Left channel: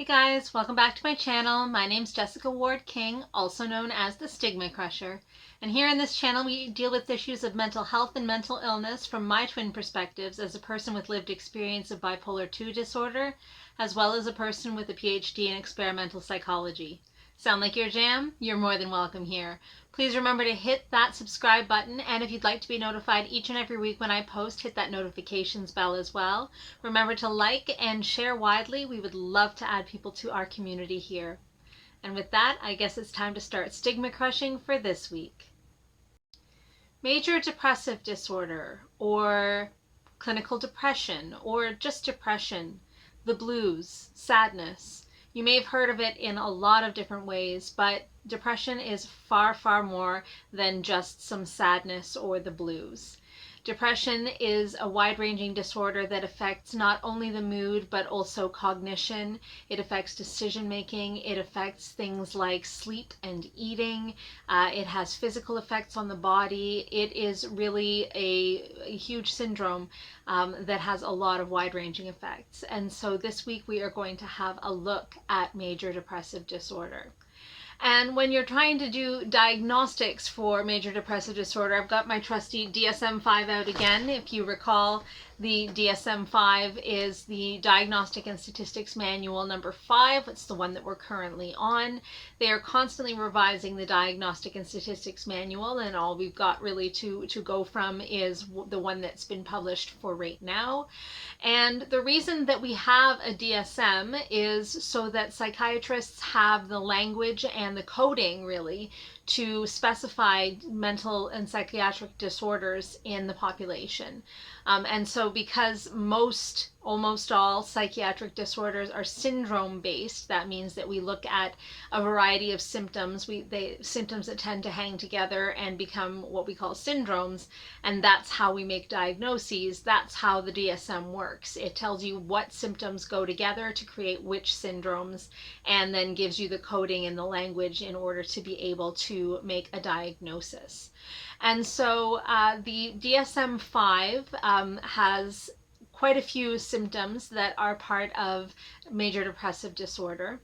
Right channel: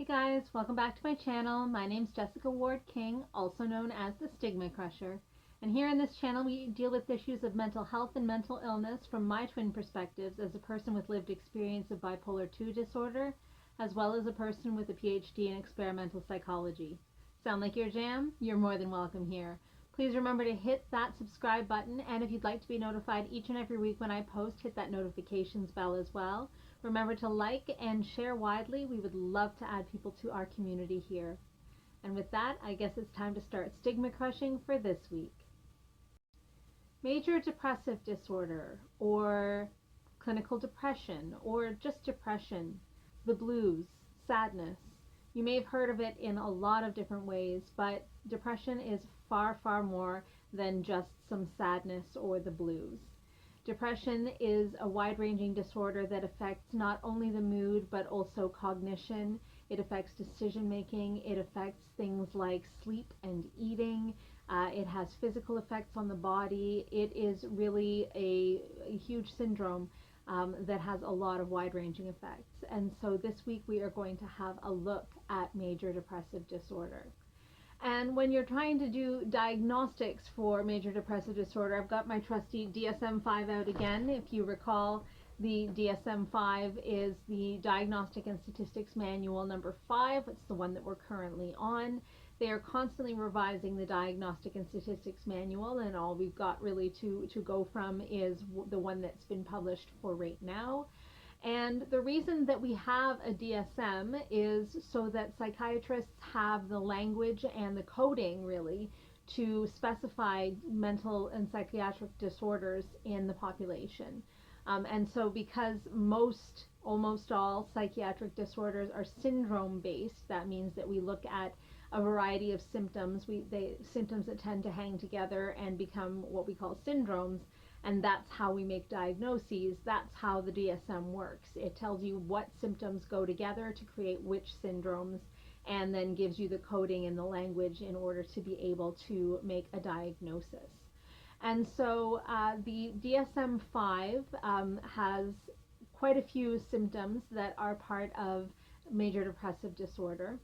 Hey guys, welcome back to my channel. My name's Jessica Ward King, also known as the Stigma Crusher. And here in this channel we deal with issues of mental health and mental illness from my twin perspectives as a person with lived experience of bipolar 2 disorder, as well as a person with a PhD in experimental psychology. Sound like your jam? You're more than welcome here. Please remember to hit that subscribe button, and if you'd like to be notified each and every week when I post, hit that notifications bell as well. Remember to like and share widely. We would love to add people to our community here. And with that, I guess it's time to start stigma crushing for this week. Major depressive disorder, or clinical depression, or just depression, the blues, sadness. You may have heard of it in a lot of different ways, but depression is far, far more than just some sadness or the blues. Depression is a wide-ranging disorder that affects not only the mood but also cognition. It affects decision making. It affects things like sleep and eating. It has physical effects on the body. It is really a huge syndrome that has a lot of wide-ranging effects. And so this week we are going to have a look at major depressive disorder. And when you're trying to do diagnostics for major depressive disorder, I've got my trusty DSM-5 out again. If you recall, the DSM-5 is the Diagnostic and Statistics Manual number 5. It's the one that we're currently on. They are constantly revising the Diagnostic and Statistics Manual, and all we've got really to go from is the one that's been published for right now. And the reason that we have a DSM is so that psychiatrists have the language and the coding really to specify mental and psychiatric disorders in the population. And so because almost all psychiatric disorders are syndrome based, that means that we look at a variety of symptoms, symptoms that tend to hang together and become what we call syndromes, and that's how we make diagnoses. That's how the DSM works. It tells you what symptoms go together to create which syndromes, and then gives you the coding and the language in order to be able to make a diagnosis. And so the DSM-5 has quite a few symptoms that are part of major depressive disorder.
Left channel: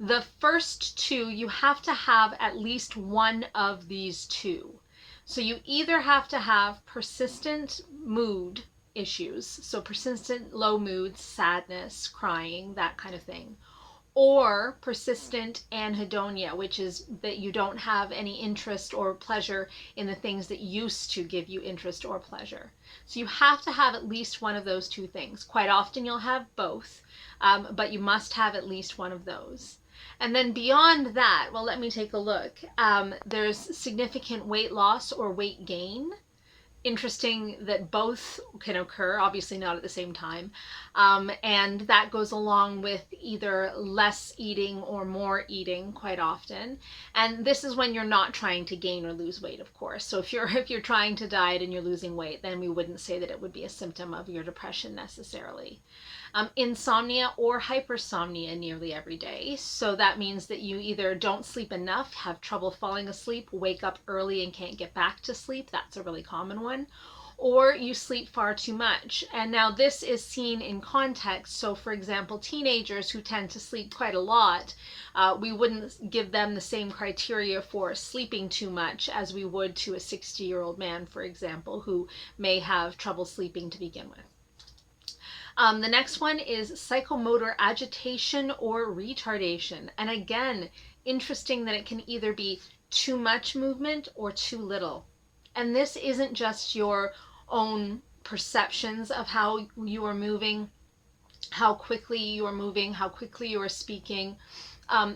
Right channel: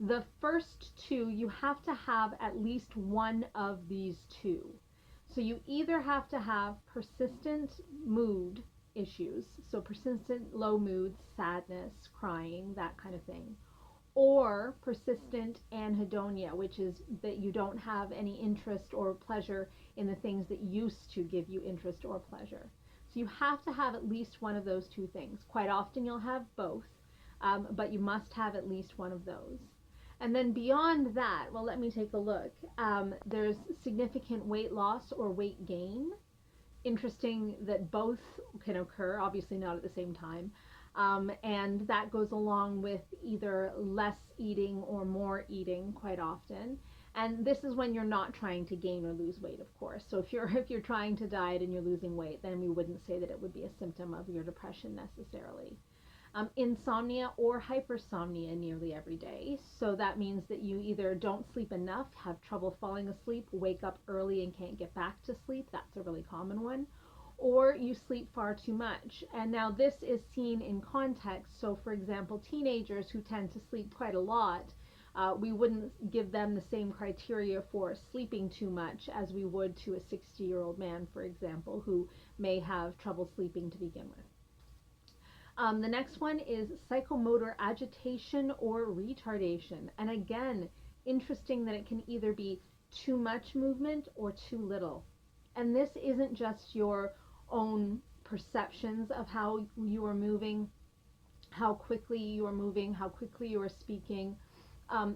The first two, you have to have at least one of these two. So you either have to have persistent mood issues, so persistent low moods, sadness, crying, that kind of thing, or persistent anhedonia, which is that you don't have any interest or pleasure in the things that used to give you interest or pleasure. So you have to have at least one of those two things. Quite often you'll have both, but you must have at least one of those. And then beyond that, well, let me take a look. There's significant weight loss or weight gain. Interesting that both can occur, obviously not at the same time, and that goes along with either less eating or more eating quite often. And this is when you're not trying to gain or lose weight, of course. So if you're trying to diet and you're losing weight, then we wouldn't say that it would be a symptom of your depression necessarily. Insomnia or hypersomnia nearly every day. So that means that you either don't sleep enough, have trouble falling asleep, wake up early and can't get back to sleep. That's a really common one. Or you sleep far too much. And now this is seen in context. So for example, teenagers who tend to sleep quite a lot, we wouldn't give them the same criteria for sleeping too much as we would to a 60-year-old man, for example, who may have trouble sleeping to begin with. The next one is psychomotor agitation or retardation. And again, interesting that it can either be too much movement or too little. And this isn't just your own perceptions of how you are moving, how quickly you are moving, how quickly you are speaking.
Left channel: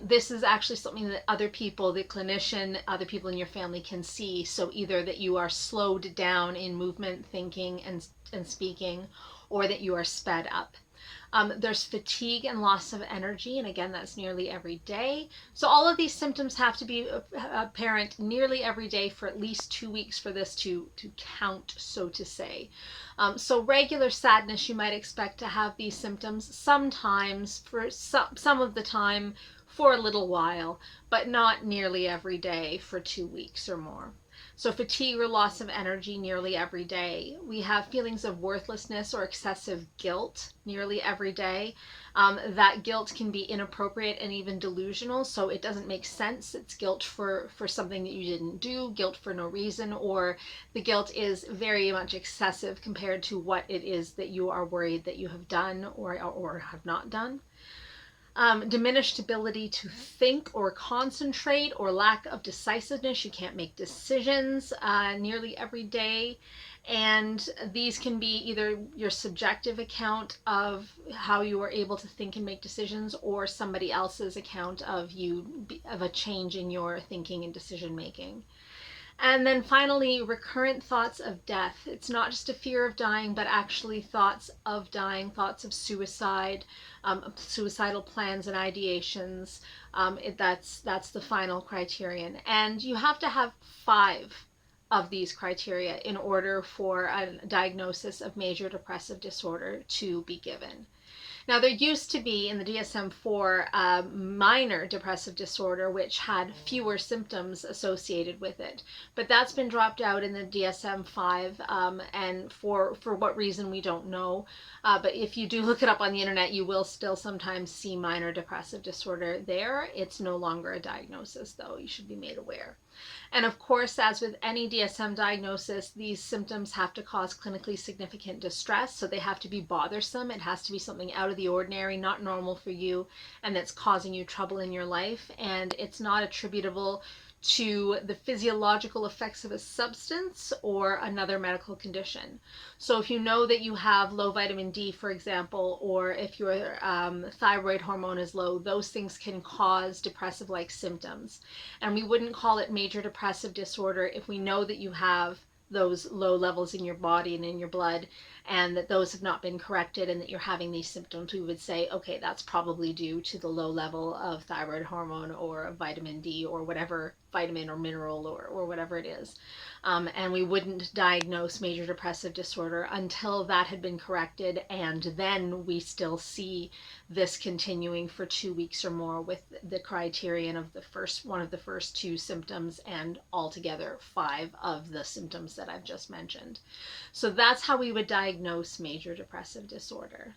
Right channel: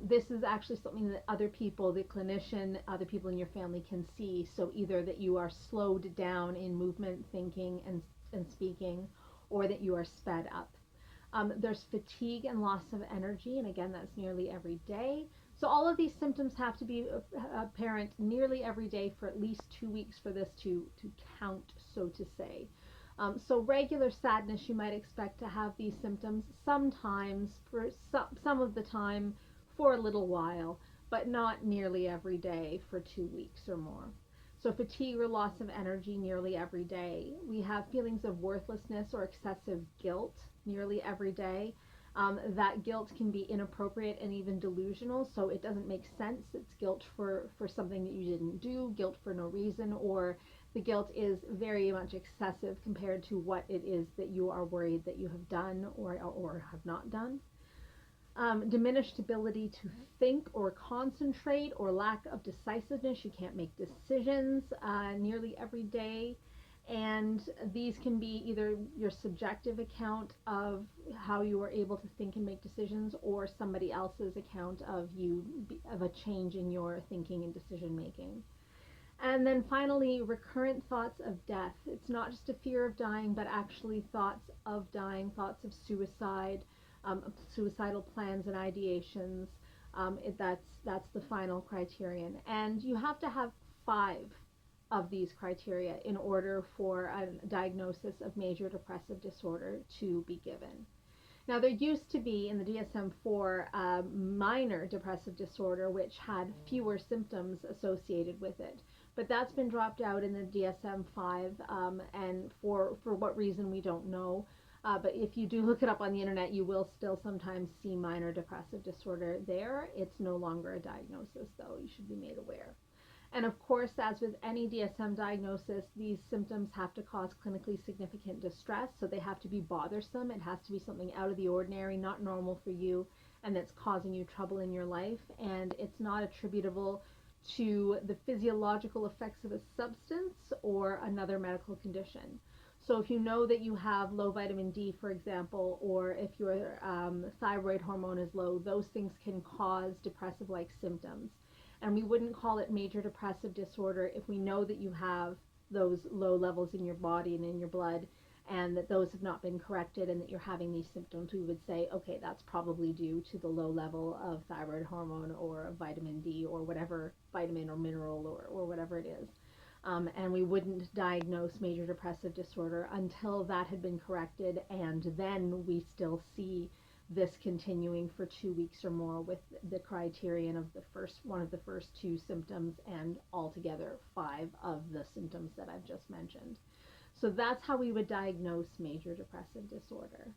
This is actually something that other people, the clinician, other people in your family can see. So either that you are slowed down in movement, thinking, and speaking, or that you are sped up. There's fatigue and loss of energy, and again, that's nearly every day. So all of these symptoms have to be apparent nearly every day for at least 2 weeks for this to count, so to say. So regular sadness, you might expect to have these symptoms sometimes, for some of the time, for a little while, but not nearly every day for 2 weeks or more. So fatigue or loss of energy nearly every day. We have feelings of worthlessness or excessive guilt nearly every day. That guilt can be inappropriate and even delusional, so it doesn't make sense. It's guilt for something that you didn't do, guilt for no reason, or the guilt is very much excessive compared to what it is that you are worried that you have done or have not done. Diminished ability to think or concentrate, or lack of decisiveness. You can't make decisions nearly every day. And these can be either your subjective account of how you are able to think and make decisions, or somebody else's account of of a change in your thinking and decision making. And then finally, recurrent thoughts of death. It's not just a fear of dying, but actually thoughts of dying, thoughts of suicide, suicidal plans and ideations. That's the final criterion. And you have to have 5 of these criteria in order for a diagnosis of major depressive disorder to be given. Now, there used to be in the DSM-4 minor depressive disorder, which had fewer symptoms associated with it, but that's been dropped out in the DSM-5, and for what reason we don't know. But if you do look it up on the internet, you will still sometimes see minor depressive disorder there. It's no longer a diagnosis, though. You should be made aware. And of course, as with any DSM diagnosis, these symptoms have to cause clinically significant distress. So they have to be bothersome. It has to be something out of the ordinary, not normal for you, and that's causing you trouble in your life. And it's not attributable to the physiological effects of a substance or another medical condition. So if you know that you have low vitamin D, for example, or if your thyroid hormone is low, those things can cause depressive-like symptoms. And we wouldn't call it major depressive disorder if we know that you have those low levels in your body and in your blood, and that those have not been corrected, and that you're having these symptoms. We would say, okay, that's probably due to the low level of thyroid hormone or vitamin D or whatever vitamin or mineral or whatever it is. And we wouldn't diagnose major depressive disorder until that had been corrected, and then we still see this continuing for 2 weeks or more with the criterion of one of the first 2 symptoms, and altogether 5 of the symptoms that I've just mentioned. So that's how we would diagnose major depressive disorder.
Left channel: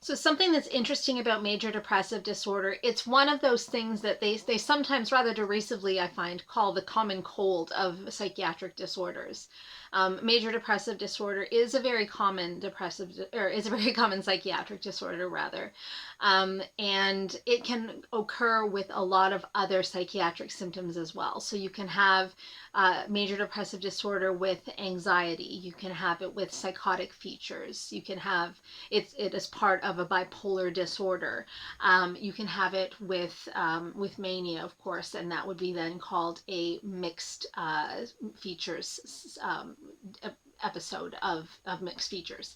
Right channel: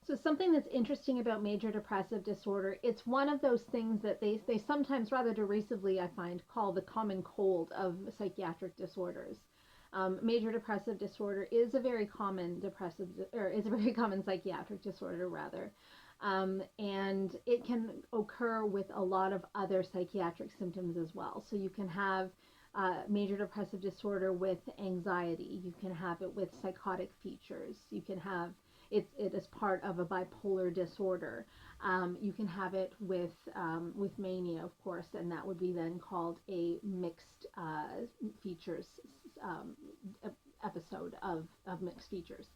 So something that's interesting about major depressive disorder, it's one of those things that they sometimes rather derisively, I find, call the common cold of psychiatric disorders. Major depressive disorder is a very common psychiatric disorder, rather. And it can occur with a lot of other psychiatric symptoms as well. So you can have major depressive disorder with anxiety. You can have it with psychotic features. You can have it as part of a bipolar disorder. You can have it with mania, of course, and that would be then called a mixed features episode of mixed features.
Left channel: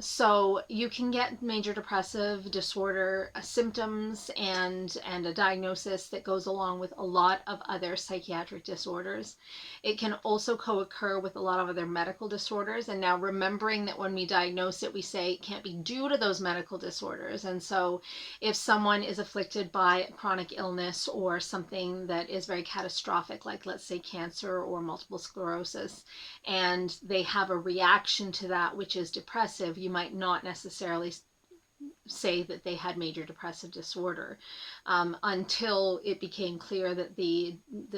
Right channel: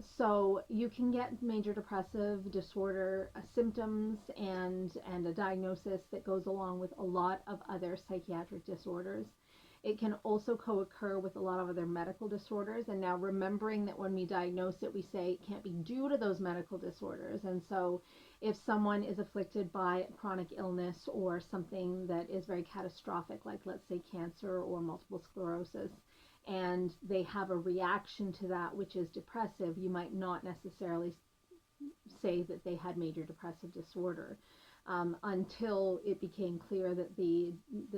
So you can get major depressive disorder symptoms and a diagnosis that goes along with a lot of other psychiatric disorders. It can also co-occur with a lot of other medical disorders. And now, remembering that when we diagnose it, we say it can't be due to those medical disorders. And so if someone is afflicted by chronic illness or something that is very catastrophic, like let's say cancer or multiple sclerosis, and they have a reaction to that which is depressive, you might not necessarily say that they had major depressive disorder until it became clear that the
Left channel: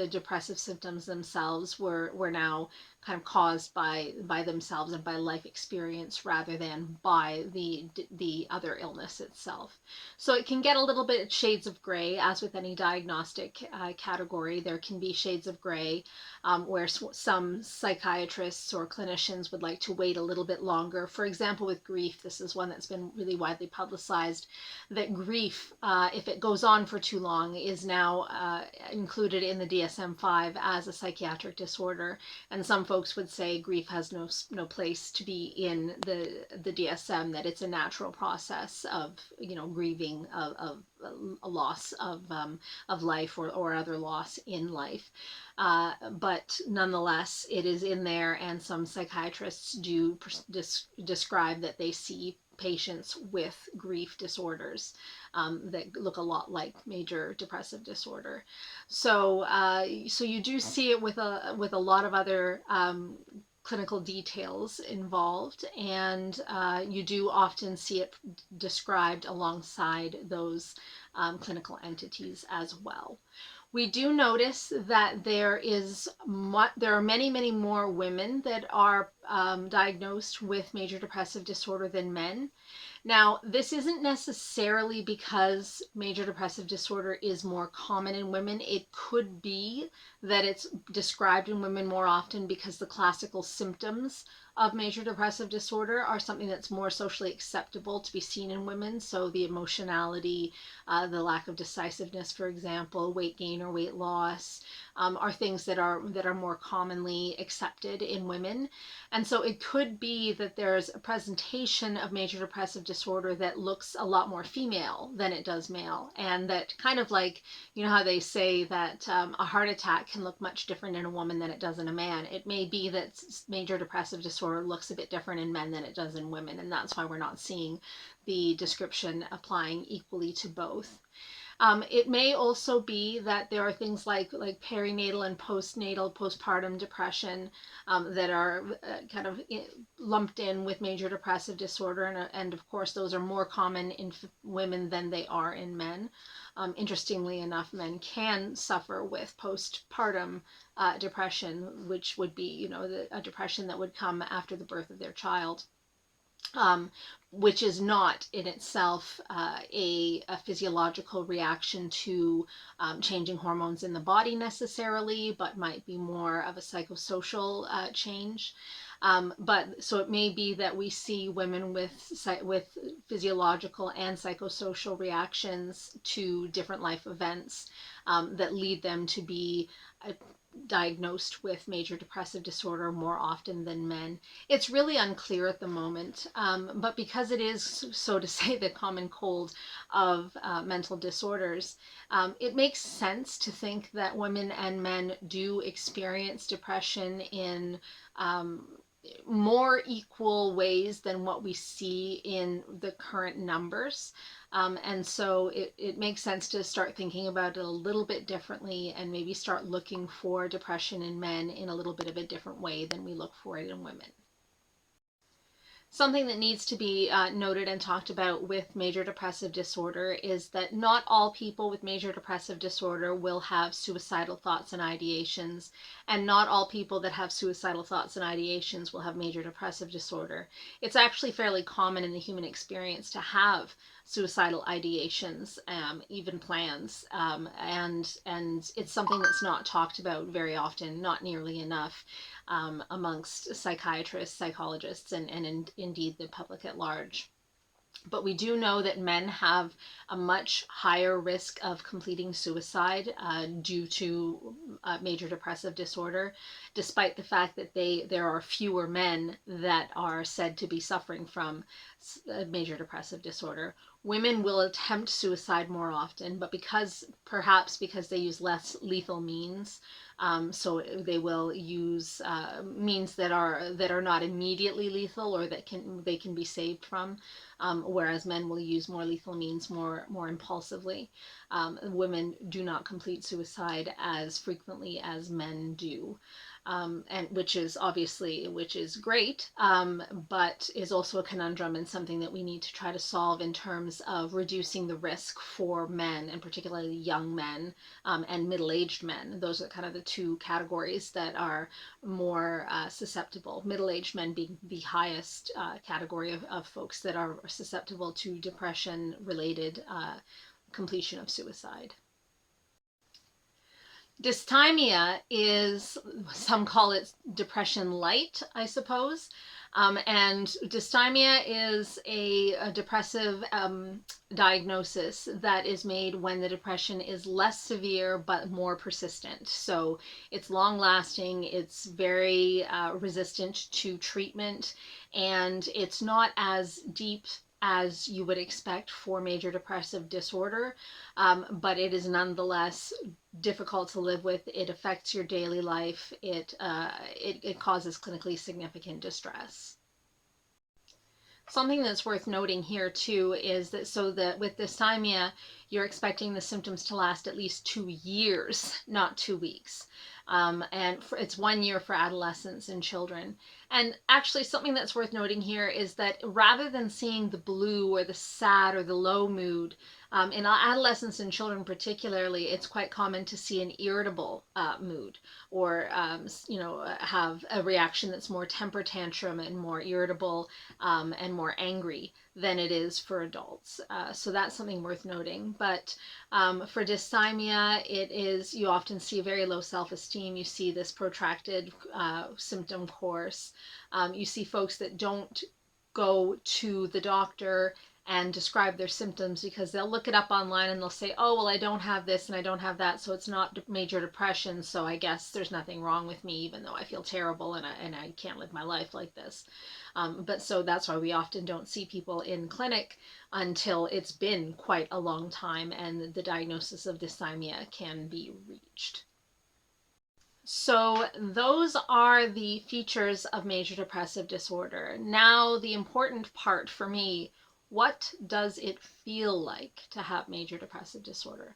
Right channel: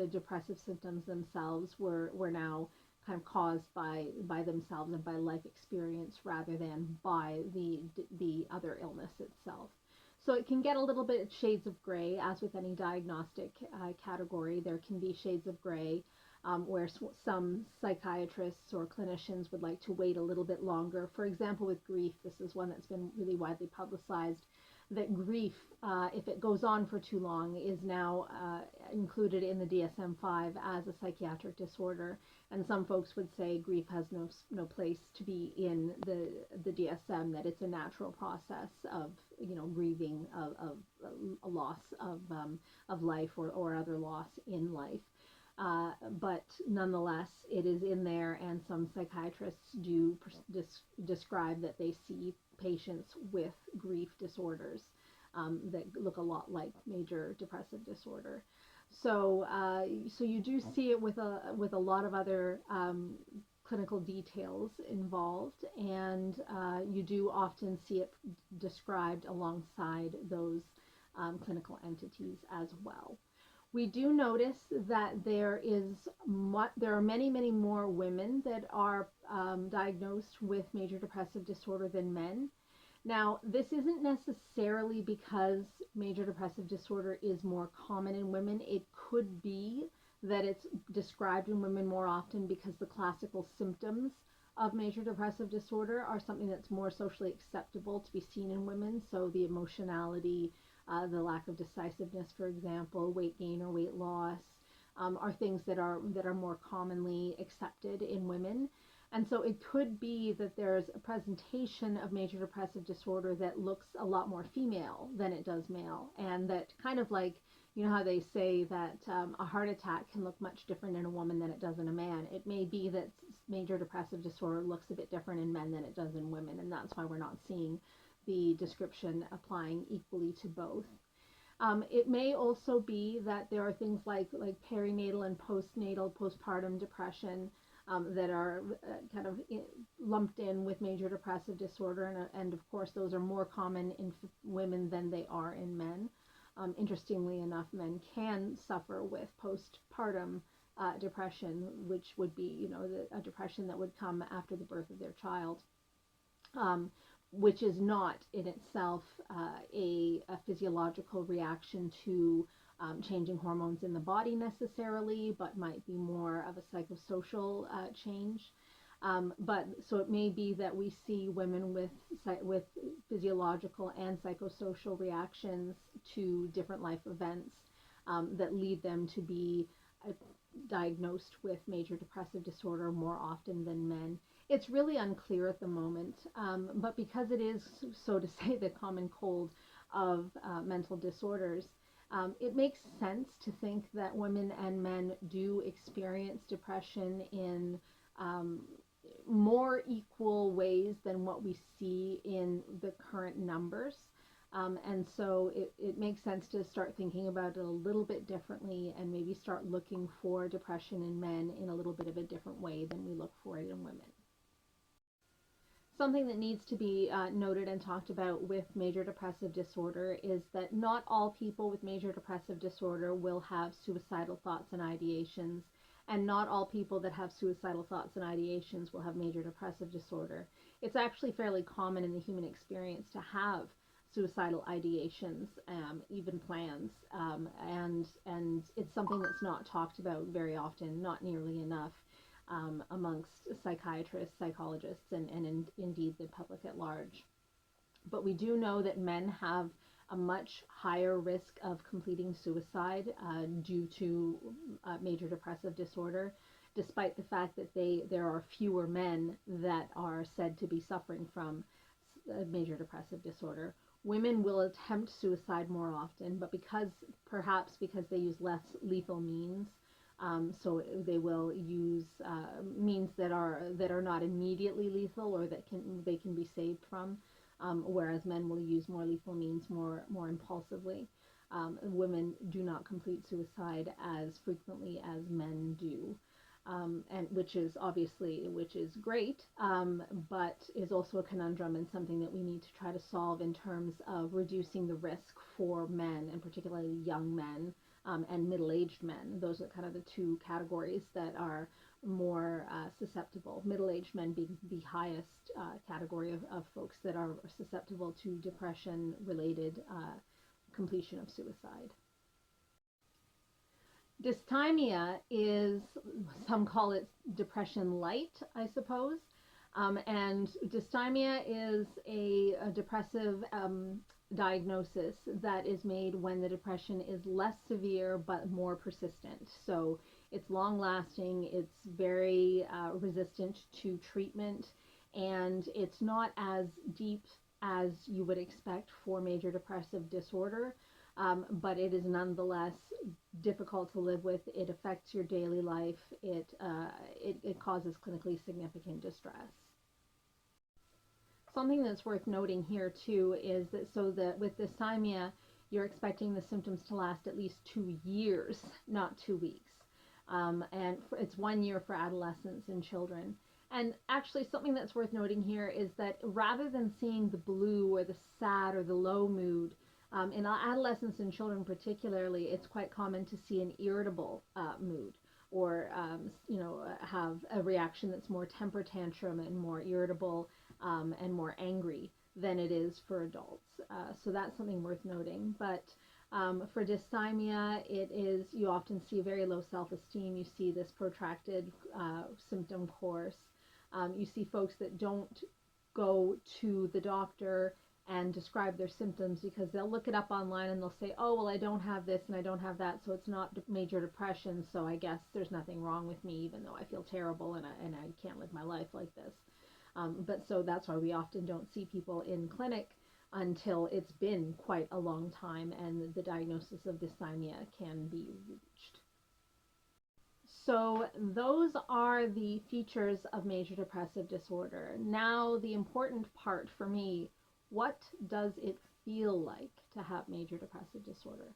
depressive symptoms themselves were now kind of caused by themselves and by life experience rather than by the other illness itself. So it can get a little bit shades of gray, as with any diagnostic category. There can be shades of gray where some psychiatrists or clinicians would like to wait a little bit longer. For example, with grief, this is one that's been really widely publicized, that grief, if it goes on for too long, is now included in the DSM-5 as a psychiatric disorder. And some folks would say grief has no place to be in the DSM, that it's a natural process of grieving of a loss of life or other loss in life. But nonetheless, it is in there, and some psychiatrists do describe that they see patients with grief disorders that look a lot like major depressive disorder. So you do see it with a lot of other clinical details involved, and you do often see it described alongside those clinical entities as well. We do notice that there are many more women that are diagnosed with major depressive disorder than men. Now, this isn't necessarily because major depressive disorder is more common in women. It could be that it's described in women more often because the classical symptoms of major depressive disorder are something that's more socially acceptable to be seen in women. So the emotionality, the lack of decisiveness, for example, weight gain or weight loss, are things that are more commonly accepted in women. And so it could be that there's a presentation of major depressive disorder that looks a lot more female than it does male. And that kind of like, you know how they say that a heart attack can look much different in a woman than it does in a man. It may be that major depressive disorder looks a bit different in men than it does in women. And that's why we're not seeing the description applying equally to both. It may also be that there are things like perinatal and postpartum depression that are kind of lumped in with major depressive disorder, and of course those are more common in women than they are in men. Interestingly enough, men can suffer with postpartum depression, which would be a depression that would come after the birth of their child. Which is not in itself a physiological reaction to changing hormones in the body necessarily, but might be more of a psychosocial change. But so it may be that we see women with physiological and psychosocial reactions to different life events that lead them to be diagnosed with major depressive disorder more often than men. It's really unclear at the moment, but because it is, so to say, the common cold of mental disorders, it makes sense to think that women and men do experience depression in more equal ways than what we see in the current numbers. And so it makes sense to start thinking about it a little bit differently and maybe start looking for depression in men in a little bit of a different way than we look for it in women. Something that needs to be noted and talked about with major depressive disorder is that not all people with major depressive disorder will have suicidal thoughts and ideations, and not all people that have suicidal thoughts and ideations will have major depressive disorder. It's actually fairly common in the human experience to have suicidal ideations, even plans, and it's something that's not talked about very often, not nearly enough. Amongst psychiatrists, psychologists, and indeed the public at large. But we do know that men have a much higher risk of completing suicide due to major depressive disorder, despite the fact that there are fewer men that are said to be suffering from major depressive disorder. Women will attempt suicide more often, but perhaps because they use less lethal means, so they will use means that are not immediately lethal or that they can be saved from, whereas men will use more lethal means more impulsively. Women do not complete suicide as frequently as men do. And which is great, but is also a conundrum and something that we need to try to solve in terms of reducing the risk for men, and particularly young men and middle-aged men. Those are kind of the two categories that are more susceptible. Middle-aged men being the highest category of folks that are susceptible to depression-related completion of suicide. Dysthymia is, some call it depression light, I suppose. And dysthymia is a depressive diagnosis that is made when the depression is less severe but more persistent. So it's long lasting, it's very resistant to treatment, and it's not as deep as you would expect for major depressive disorder, but it is nonetheless difficult to live with. It affects your daily life. It causes clinically significant distress. Something that's worth noting here too is that with dysthymia, you're expecting the symptoms to last at least 2 years, not 2 weeks. And it's 1 year for adolescents and children. And actually, something that's worth noting here is that rather than seeing the blue or the sad or the low mood, in adolescents and children particularly, it's quite common to see an irritable mood, or have a reaction that's more temper tantrum and more irritable, and more angry than it is for adults. So that's something worth noting. But for dysthymia, you often see very low self-esteem. You see this protracted symptom course. You see folks that don't go to the doctor and describe their symptoms because they'll look it up online and they'll say, oh, well, I don't have this and I don't have that, so it's not major depression, so I guess there's nothing wrong with me, even though I feel terrible and I can't live my life like this. But so that's why we often don't see people in clinic until it's been quite a long time and the diagnosis of dysthymia can be reached. So those are the features of major depressive disorder. Now, the important part for me, what does it feel like to have major depressive disorder?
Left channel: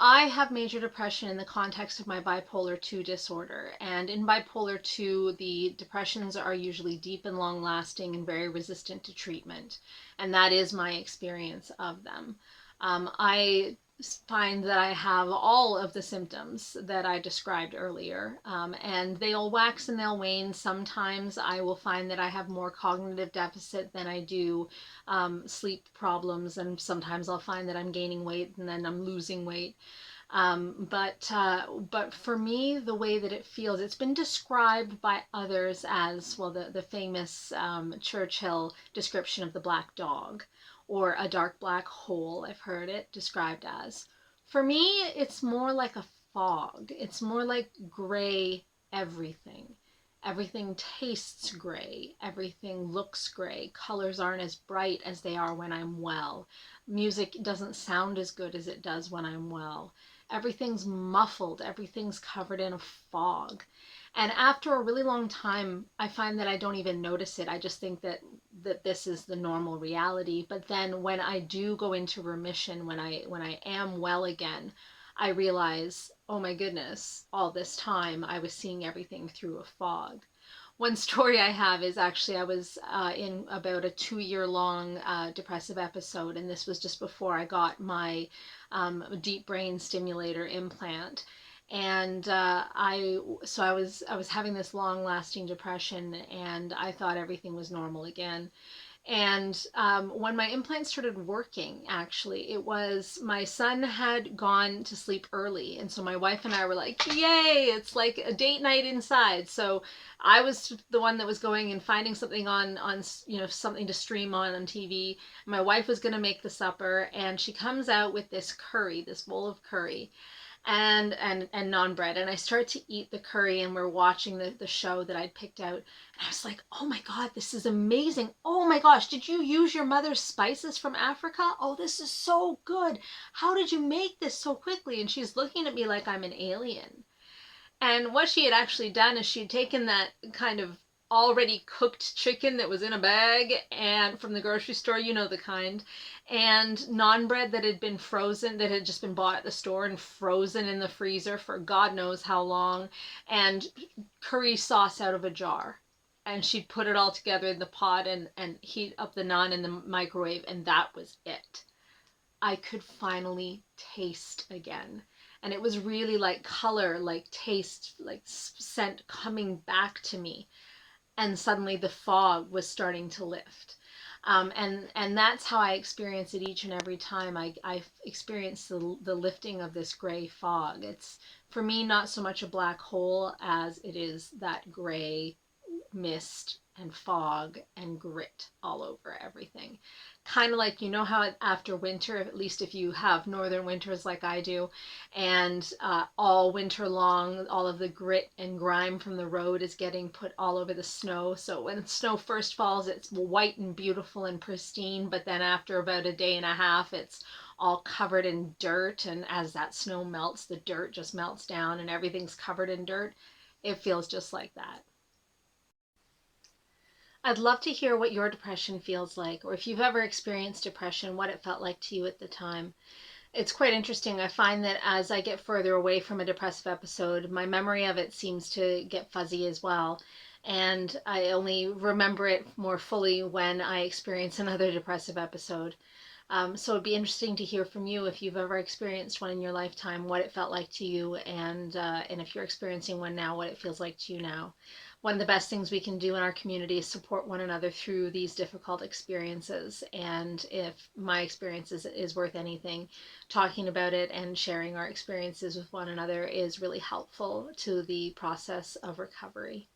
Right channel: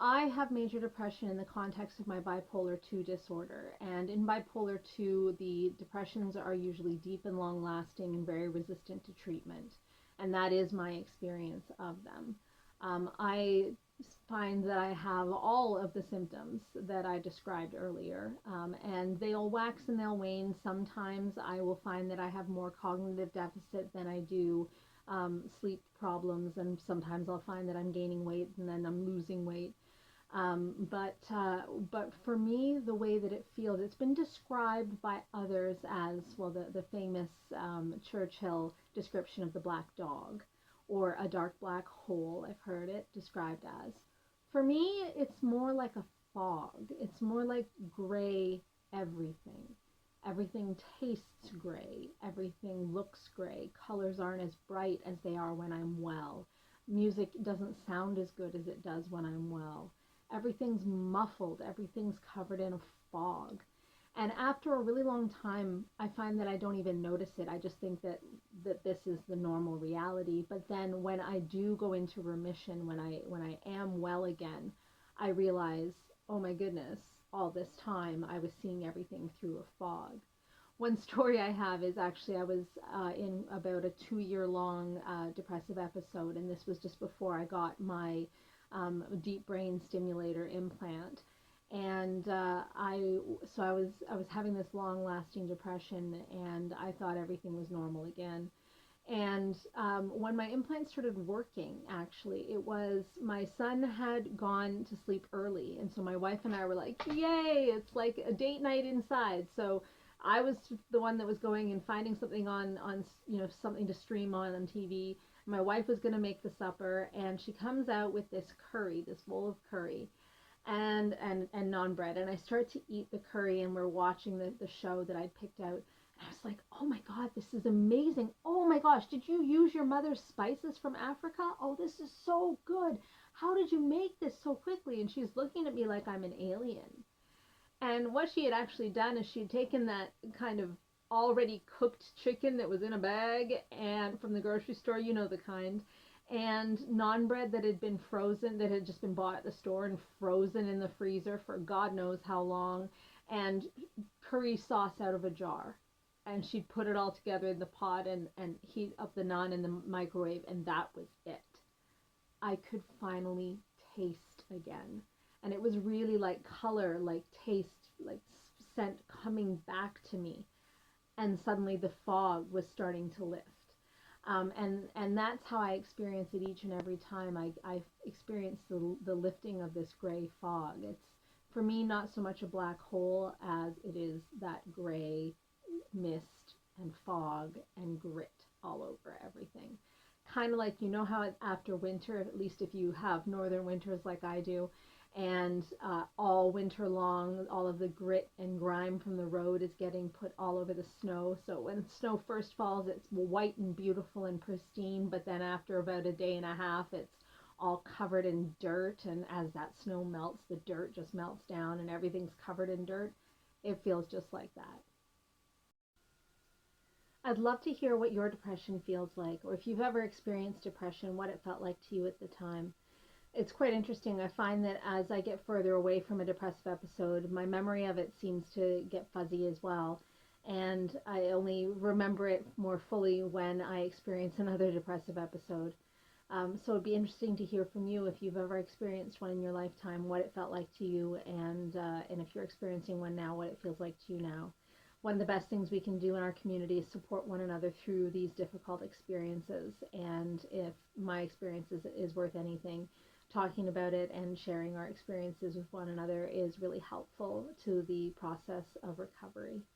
I have major depression in the context of my bipolar 2 disorder. And in bipolar 2, the depressions are usually deep and long lasting and very resistant to treatment. And that is my experience of them. I find that I have all of the symptoms that I described earlier, and they'll wax and they'll wane. Sometimes I will find that I have more cognitive deficit than I do sleep problems, and sometimes I'll find that I'm gaining weight and then I'm losing weight. But for me, the way that it feels, it's been described by others as, well, the famous Churchill description of the black dog, or a dark black hole, I've heard it described as. For me, it's more like a fog. It's more like gray everything. Everything tastes gray. Everything looks gray. Colors aren't as bright as they are when I'm well. Music doesn't sound as good as it does when I'm well. Everything's muffled. Everything's covered in a fog. And after a really long time, I find that I don't even notice it. I just think that this is the normal reality. But then when I do go into remission, when I am well again, I realize, oh my goodness, all this time I was seeing everything through a fog. One story I have is actually I was in about a 2-year long depressive episode, and this was just before I got my deep brain stimulator implant. And I was having this long lasting depression, and I thought everything was normal again. And when my implant started working, actually, it was my son had gone to sleep early. And so my wife and I were like, yay, it's like a date night inside. So I was the one that was going and finding something on something to stream on TV. My wife was going to make the supper, and she comes out with this curry, this bowl of curry, and naan bread, and I start to eat the curry, and we're watching the show that I'd picked out, and I was like, oh my god, this is amazing. Oh my gosh, did you use your mother's spices from Africa? Oh, this is so good. How did you make this so quickly? And she's looking at me like I'm an alien. And what she had actually done is she had taken that kind of already cooked chicken that was in a bag and from the grocery store, you know the kind, and naan bread that had been frozen, that had just been bought at the store and frozen in the freezer for God knows how long, and curry sauce out of a jar. And she'd put it all together in the pot and heat up the naan in the microwave, and that was it. I could finally taste again. And it was really like color, like taste, like scent coming back to me. And suddenly the fog was starting to lift. And that's how I experience it each and every time I experience the lifting of this gray fog. It's, for me, not so much a black hole as it is that gray mist and fog and grit all over everything. Kind of like, you know how after winter, at least if you have northern winters like I do, and all winter long, all of the grit and grime from the road is getting put all over the snow. So when snow first falls, it's white and beautiful and pristine, but then after about a day and a half, it's all covered in dirt. And as that snow melts, the dirt just melts down and everything's covered in dirt. It feels just like that. I'd love to hear what your depression feels like, or if you've ever experienced depression, what it felt like to you at the time. It's quite interesting. I find that as I get further away from a depressive episode, my memory of it seems to get fuzzy as well. and I only remember it more fully when I experience another depressive episode. So it'd be interesting to hear from you if you've ever experienced one in your lifetime, what it felt like to you, and if you're experiencing one now, what it feels like to you now. One of the best things we can do in our community is support one another through these difficult experiences. And if my experience is worth anything, talking about it and sharing our experiences with one another is really helpful to the process of recovery.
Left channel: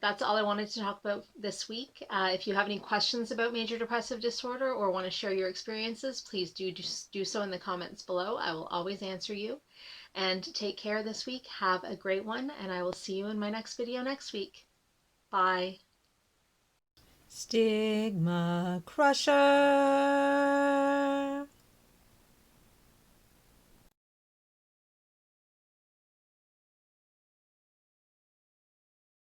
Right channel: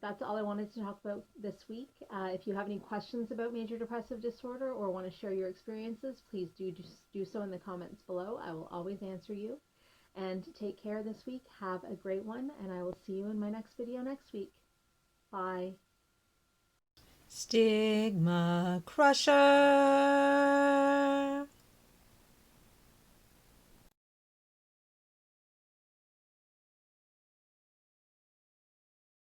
That's all I wanted to talk about this week. If you have any questions about major depressive disorder or want to share your experiences, please do so in the comments below. I will always answer you. And take care this week. Have a great one, and I will see you in my next video next week. Bye. Stigma Crusher.